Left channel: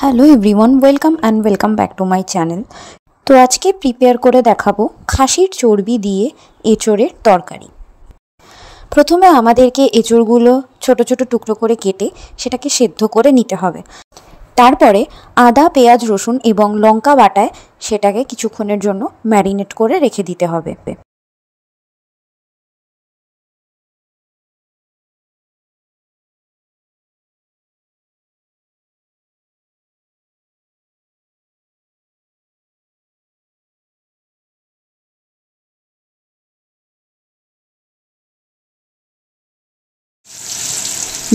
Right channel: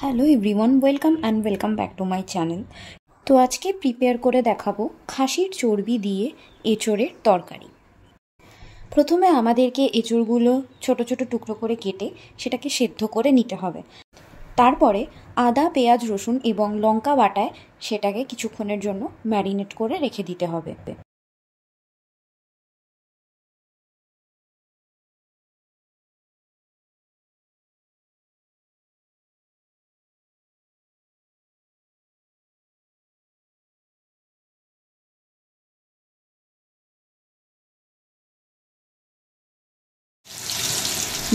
Hello everyone, welcome back to my channel. তো আজকে prepare করে দেখাবো খাসির চর্বি দিয়ে এঁচোড়ের তরকারি। প্রথমে আমাদেরকে এঁচোড়গুলো ছোট ছোট টুকরো করে কেটে সেটাকে সেদ্ধ করে নিতে হবে। তারপরে আদা, পেঁয়াজ, রসুন এবং লঙ্কা বাটায় সেটাকে কিছুক্ষণের জন্য ম্যারিনেট করে রেখে দিতে হবে।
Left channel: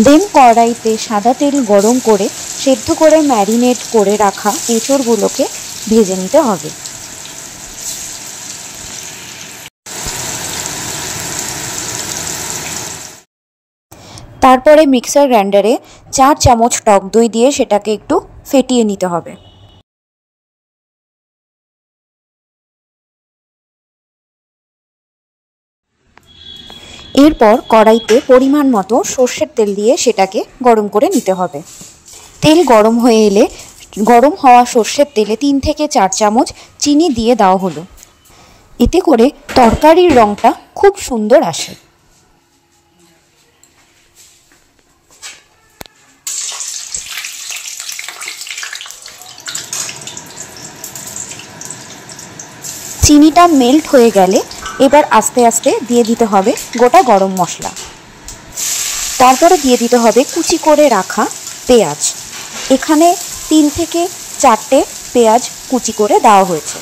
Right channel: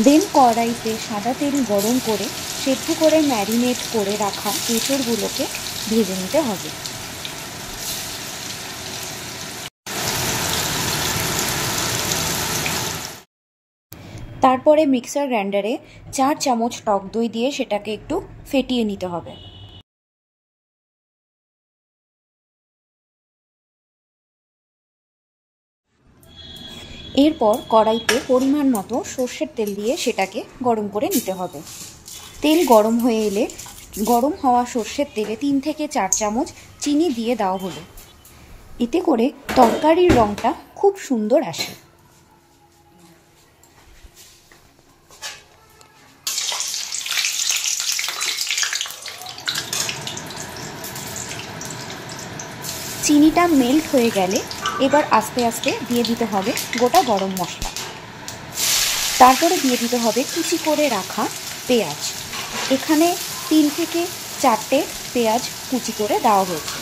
দেন কড়াইতে সাদা তেল গরম করে সেদ্ধ করে ম্যারিনেট করে রাখা এঁচোড়গুলোকে ভেজে নিতে হবে। তারপরে মিক্সার গ্রাইন্ডারে 4 চামচ টক দই দিয়ে সেটাকে একটু ফেটিয়ে নিতে হবে। এরপর কড়াইতে পরিমাণ মতো সর্ষের তেল দিয়ে সেটাকে গরম করে নিতে হবে। তেল গরম হয়ে এলে গরম হওয়া সর্ষের তেলে 3 থেকে 4 চামচ চিনি দিয়ে দেওয়া হলো। এতে করে তরকারির রঙটা খুব সুন্দর আসে। চিনিটা মেল্ট হয়ে গেলে এবার আস্তে আস্তে দিয়ে দিতে হবে গোটা গরম মশলা। তারপরে দিয়ে দিতে হবে কুচি করে রাখা পেঁয়াজ। এখানে 3 থেকে 4টে পেঁয়াজ কুচি করে দেওয়া হয়েছে।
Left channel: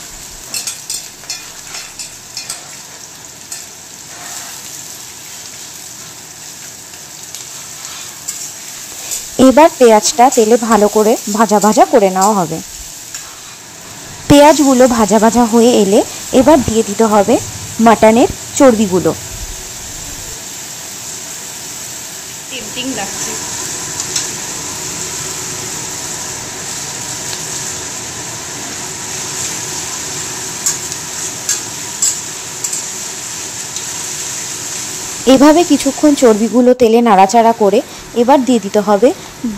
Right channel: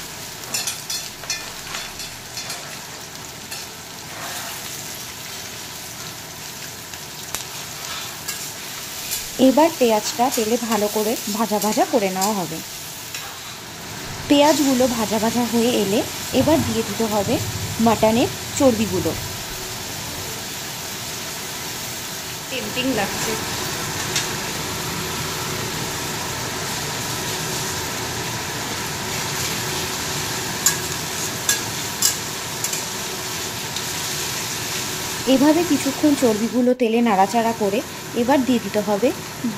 এবার পেঁয়াজটা তেলে ভালো করে ভাজা করে নেওয়া হবে। পেঁয়াজগুলো ভাজা হয়ে এলে এবার দিয়ে দিতে হবে মাটনের চর্বিগুলো। টেম্পটিং লাগছে। এভাবে কিছুক্ষণ চর্বিগুলো তেলে নাড়াচাড়া করে এবার দিয়ে দিতে হবে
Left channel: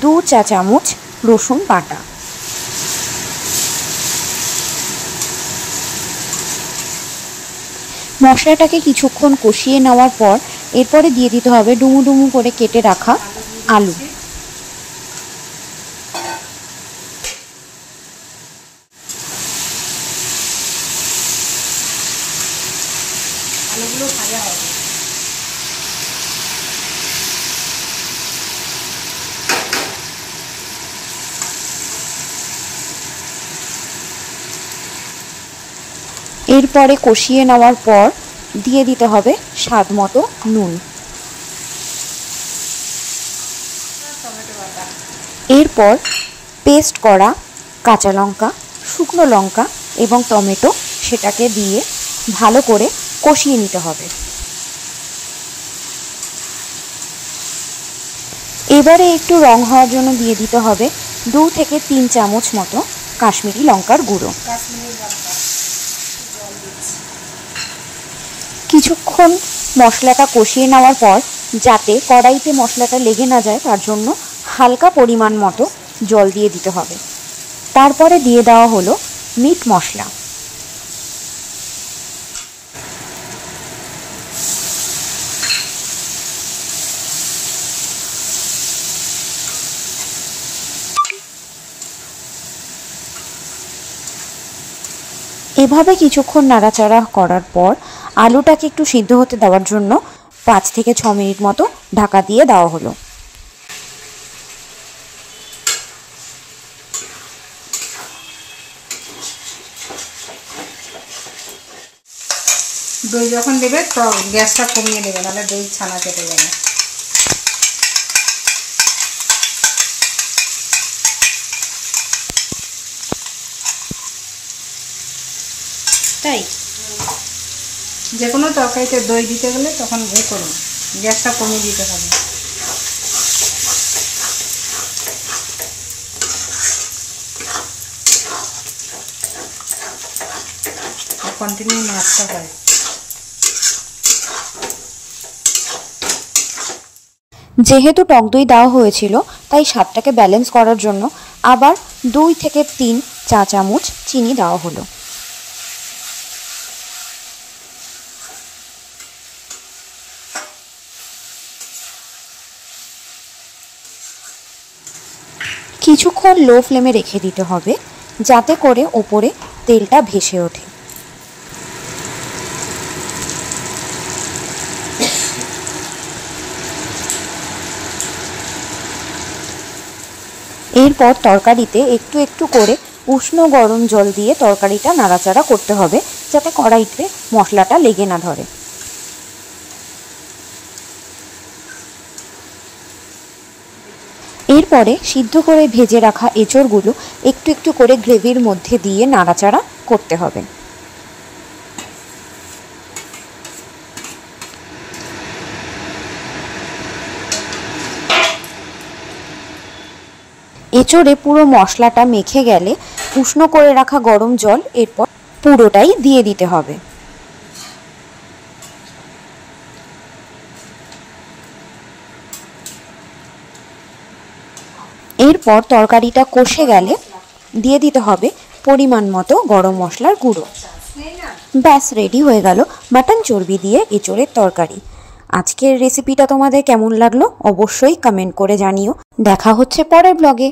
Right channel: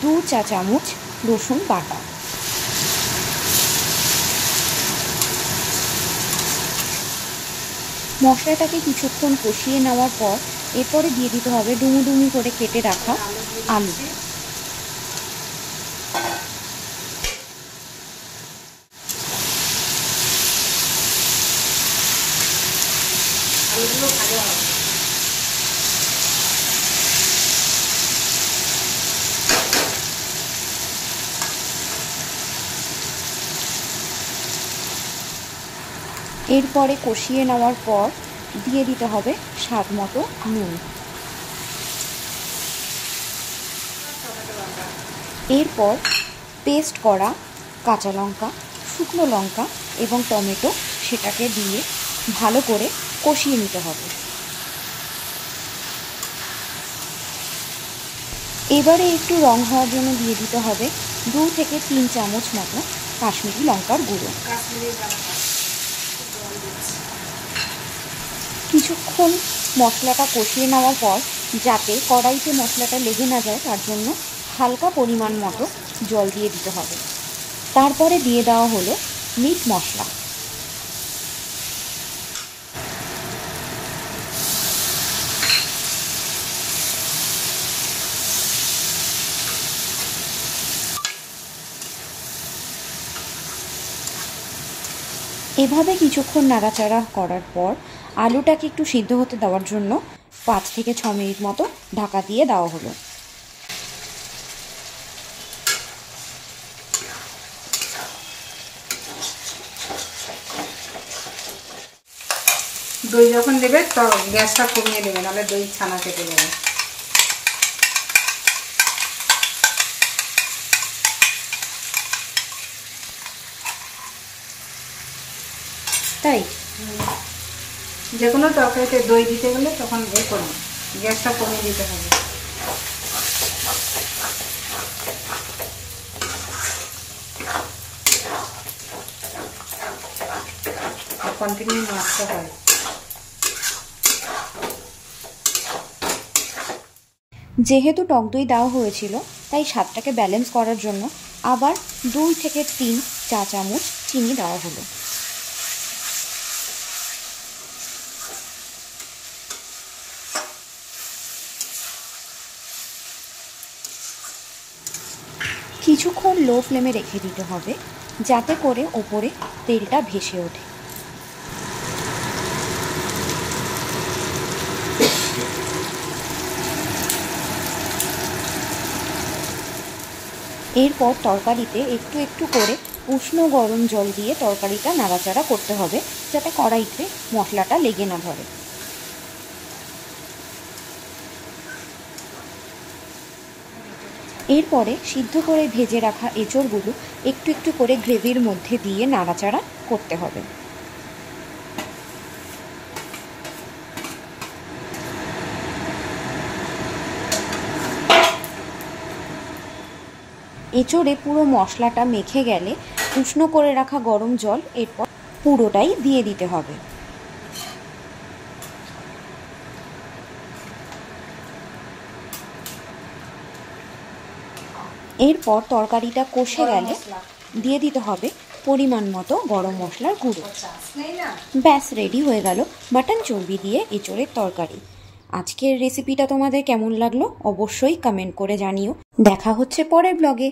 2 চা চামচ রসুন বাটা। মশলাটাকে কিছুক্ষণ কষিয়ে নেওয়ার পর এরপরে দিয়ে দিতে হবে ডুমু ডুমু করে কেটে রাখা আলু। আলুগুলো ভাজা হবে। এরপরে কষিয়ে নেওয়ার পর দিয়ে দিতে হবে স্বাদ মতো নুন। এরপর পেস্ট করা কাঁচা লঙ্কা, শুকনো লঙ্কা এবং টমেটো সেটাকে দিয়ে ভালো করে কষিয়ে নিতে হবে। এবারে একটু রং হওয়ার জন্য দিয়ে দিতে হবে 2 থেকে 3 চামচ মতো কাশ্মীরি লঙ্কার গুঁড়ো। কিছুক্ষণ মশলাটা কষিয়ে নেওয়ার পর যাতে কড়াইতে মশলাটা লেগে না যায় তার জন্য হালকা পরিমাণ মতো জল দিয়ে দিতে হবে। তারপরে দিয়ে দেওয়া হলো মিট মশলা। এভাবে কিছুক্ষণ নাড়াচাড়া করার পর আলুটাকে একটু সিদ্ধ হতে দেওয়ার জন্য 5 থেকে 6 মিনিট মতো ঢাকা দিয়ে দেওয়া হলো। দই যখন দেবে তো গ্যাসটা কমিয়ে দেবে, নাহলে দই ছানা কেটে দেবে। তাই যে কোনো তরকারিতে দই দিতে গেলে তখন ওই করুন, গ্যাসটা কমিয়ে দিতে হবে। কন্টিনিউ নাড়তে হয়। যেহেতু টক দই দেওয়া হয়েছিল তাই স্বাদটাকে ব্যালেন্স করার জন্য আবার 2 থেকে 3 চা চামচ চিনি দেওয়া হলো। কিছুক্ষণ লো ফ্লেমে রেখে দিতে হবে যাতে করে ওপরে তেলটা ভেসে ওঠে। এরপর তরকারিতে একটু একটু করে উষ্ণ গরম জল দিয়ে তরকারিটা নাড়াচাড়া করতে হবে যাতে কড়াইতে মশলাটা লেগে না ধরে। এরপরে সিদ্ধ করে ভেজে রাখা এঁচড়গুলো একটু একটু করে গ্রেভির মধ্যে দিয়ে নাড়াচাড়া করতে হবে। এঁচড়ে পুরো মশলাটা মেখে গেলে উষ্ণ করে রাখা গরম জল এরপর পুরোটাই দিয়ে দিতে হবে। এরপর তরকারিটা কষে গেলে দিয়ে দিতে হবে পরিমাণ মতো গরম মশলার গুঁড়ো। ব্যাস রেডি হয়ে গেল মাটন চর্বি দিয়ে এঁচড়ের তরকারি। আজকের রেসিপিটা তোমাদের কেমন লাগলো অবশ্যই কমেন্ট করে জানিও। দেখা হচ্ছে পরের ব্লগে।